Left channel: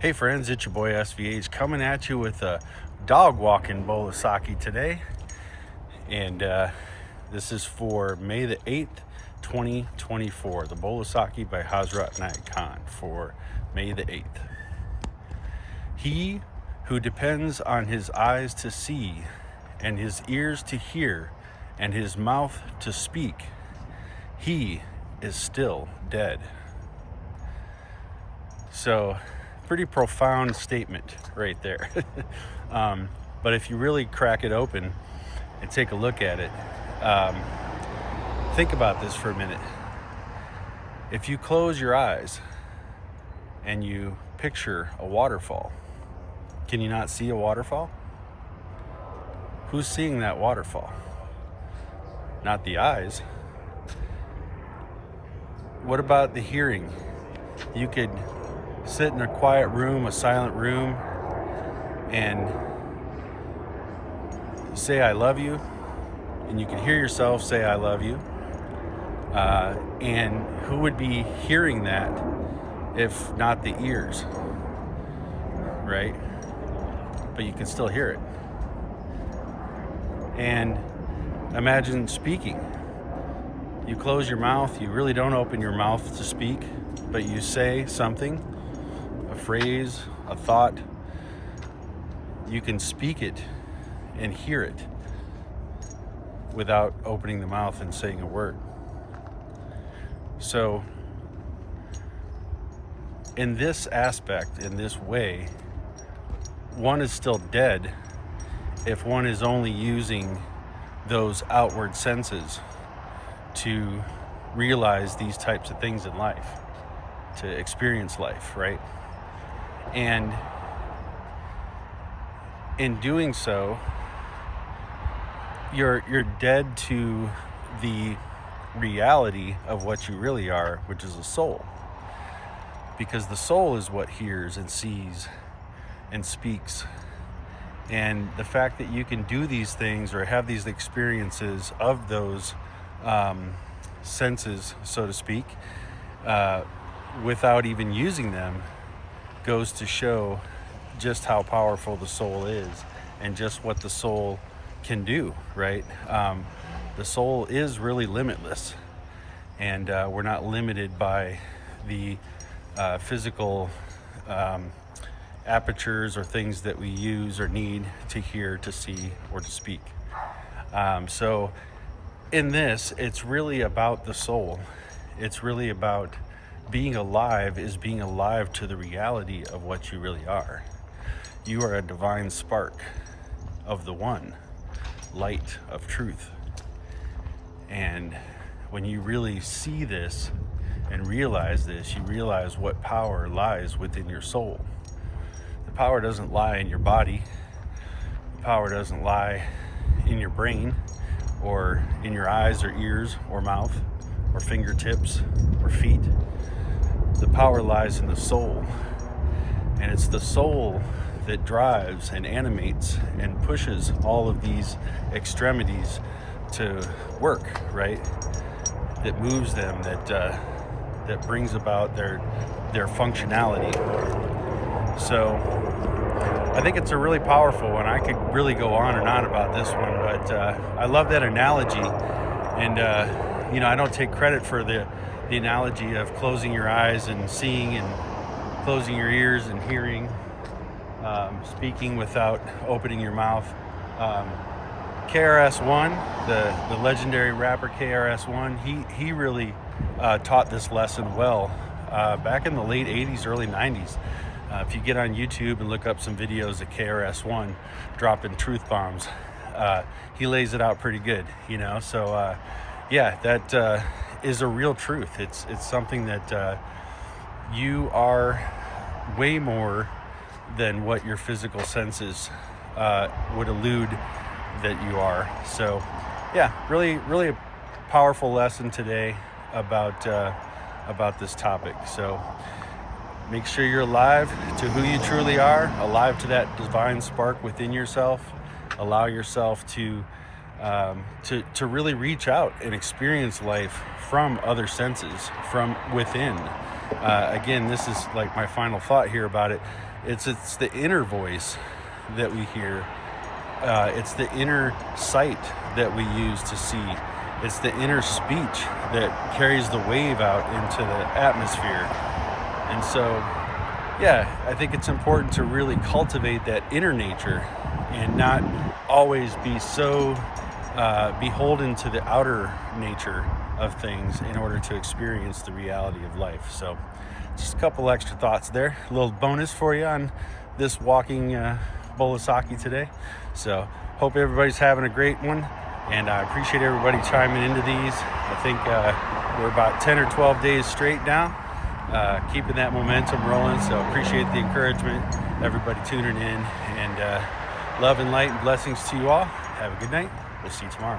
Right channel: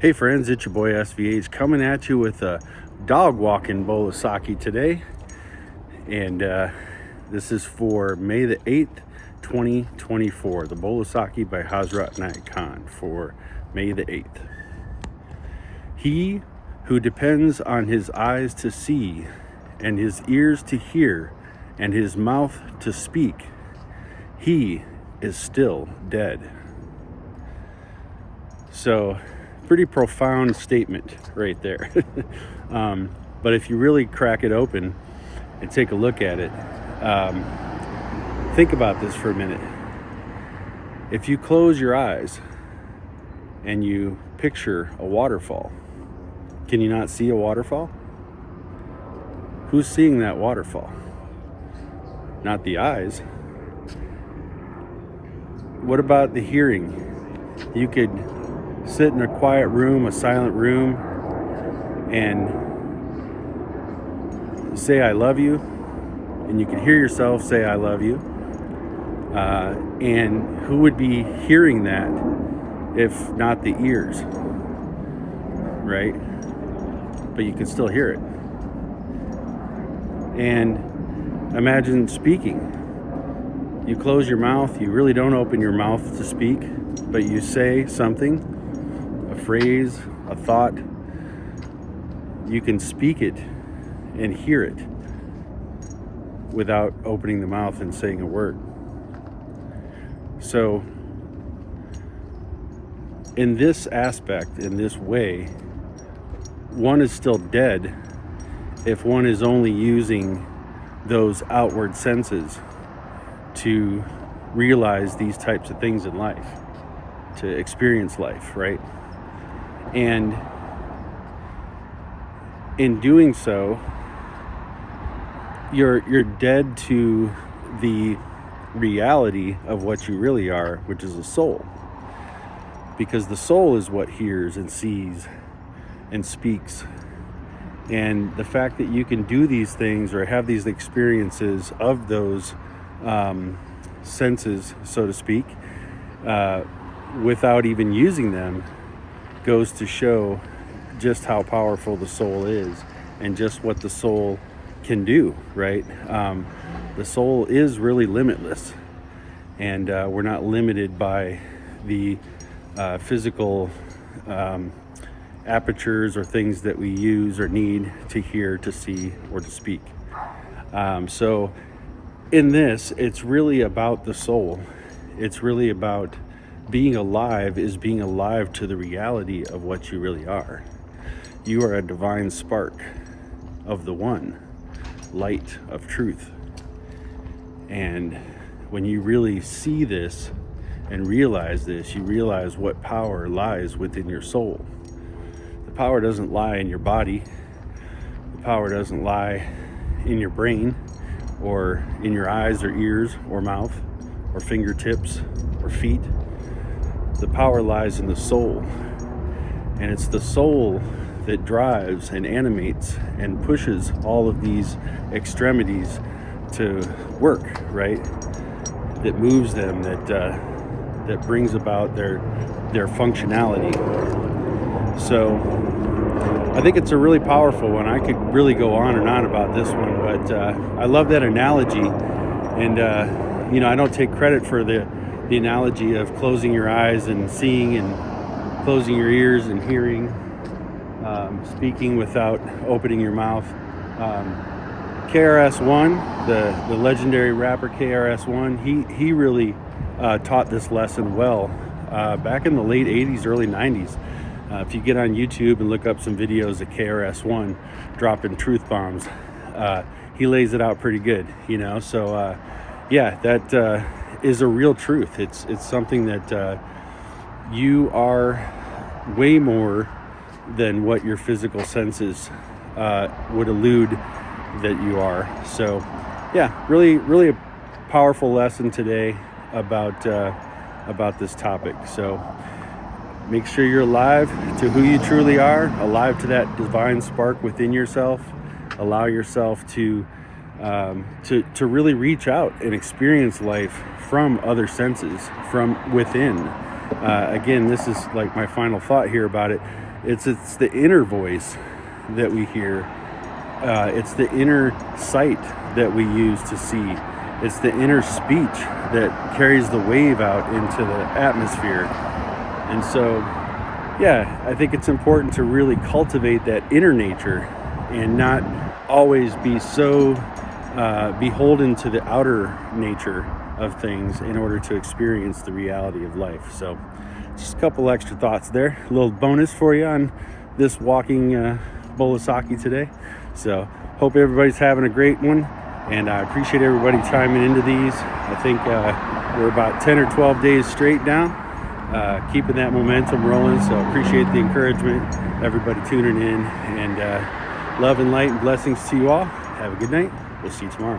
Hey friends, it's your boy SVH coming at you with a dog walking bowl of Saki today. And this is for May the 8th, 2024. The bowl of Saki by Hazrat Nayak Khan for May the 8th. He who depends on his eyes to see and his ears to hear and his mouth to speak, he is still dead. So, pretty profound statement right there. But if you really crack it open and take a look at it, think about this for a minute. If you close your eyes and you picture a waterfall, can you not see a waterfall? Who's seeing that waterfall? Not the eyes. What about the hearing? You could sit in a quiet room, a silent room, and say I love you, and you can hear yourself say I love you, and who would be hearing that if not the ears, right? But you can still hear it. And imagine speaking. You close your mouth, you really don't open your mouth to speak, but you say something, a phrase, a thought. You can speak it and hear it without opening the mouth and saying a word. So in this aspect, in this way, one is still dead if one is only using those outward senses to realize these types of things in life, to experience life, right? And in doing so, you're dead to the reality of what you really are, which is a soul. Because the soul is what hears and sees and speaks. And the fact that you can do these things or have these experiences of those senses, so to speak, without even using them, goes to show just how powerful the soul is and just what the soul can do, right? The soul is really limitless, and we're not limited by the physical apertures or things that we use or need to hear, to see, or to speak. So in this, it's really about the soul. It's really about being alive, is being alive to the reality of what you really are. You are a divine spark of the one, light of truth. And when you really see this and realize this, you realize what power lies within your soul. The power doesn't lie in your body. The power doesn't lie in your brain or in your eyes or ears or mouth or fingertips or feet. The power lies in the soul, and it's the soul that drives and animates and pushes all of these extremities to work, right? That moves them, that brings about their functionality. So I think it's a really powerful one. I could really go on and on about this one, but I love that analogy. And I don't take credit for the analogy of closing your eyes and seeing, and closing your ears and hearing, speaking without opening your mouth. KRS-One, the legendary rapper KRS-One, he really taught this lesson well back in the late 80s, early 90s. If you get on YouTube and look up some videos of KRS-One dropping truth bombs, he lays it out pretty good, So yeah, that is a real truth. It's something that you are way more than what your physical senses would allude that you are. So yeah, really a powerful lesson today about this topic. So make sure you're alive to who you truly are, alive to that divine spark within yourself. Allow yourself to really reach out and experience life from other senses, from within, Again, this is like my final thought here about it. It's the inner voice that we hear. It's the inner sight that we use to see. It's the inner speech that carries the wave out into the atmosphere. And so, yeah, I think it's important to really cultivate that inner nature and not always be so beholden to the outer nature of things in order to experience the reality of life. So just a couple extra thoughts there, a little bonus for you on this walking bowl of Saki today. So hope everybody's having a great one, and I appreciate everybody chiming into these. I think we're about 10 or 12 days straight now, keeping that momentum rolling. So appreciate the encouragement, everybody tuning in, and love and light and blessings to you all. Have a good night. We'll see you tomorrow.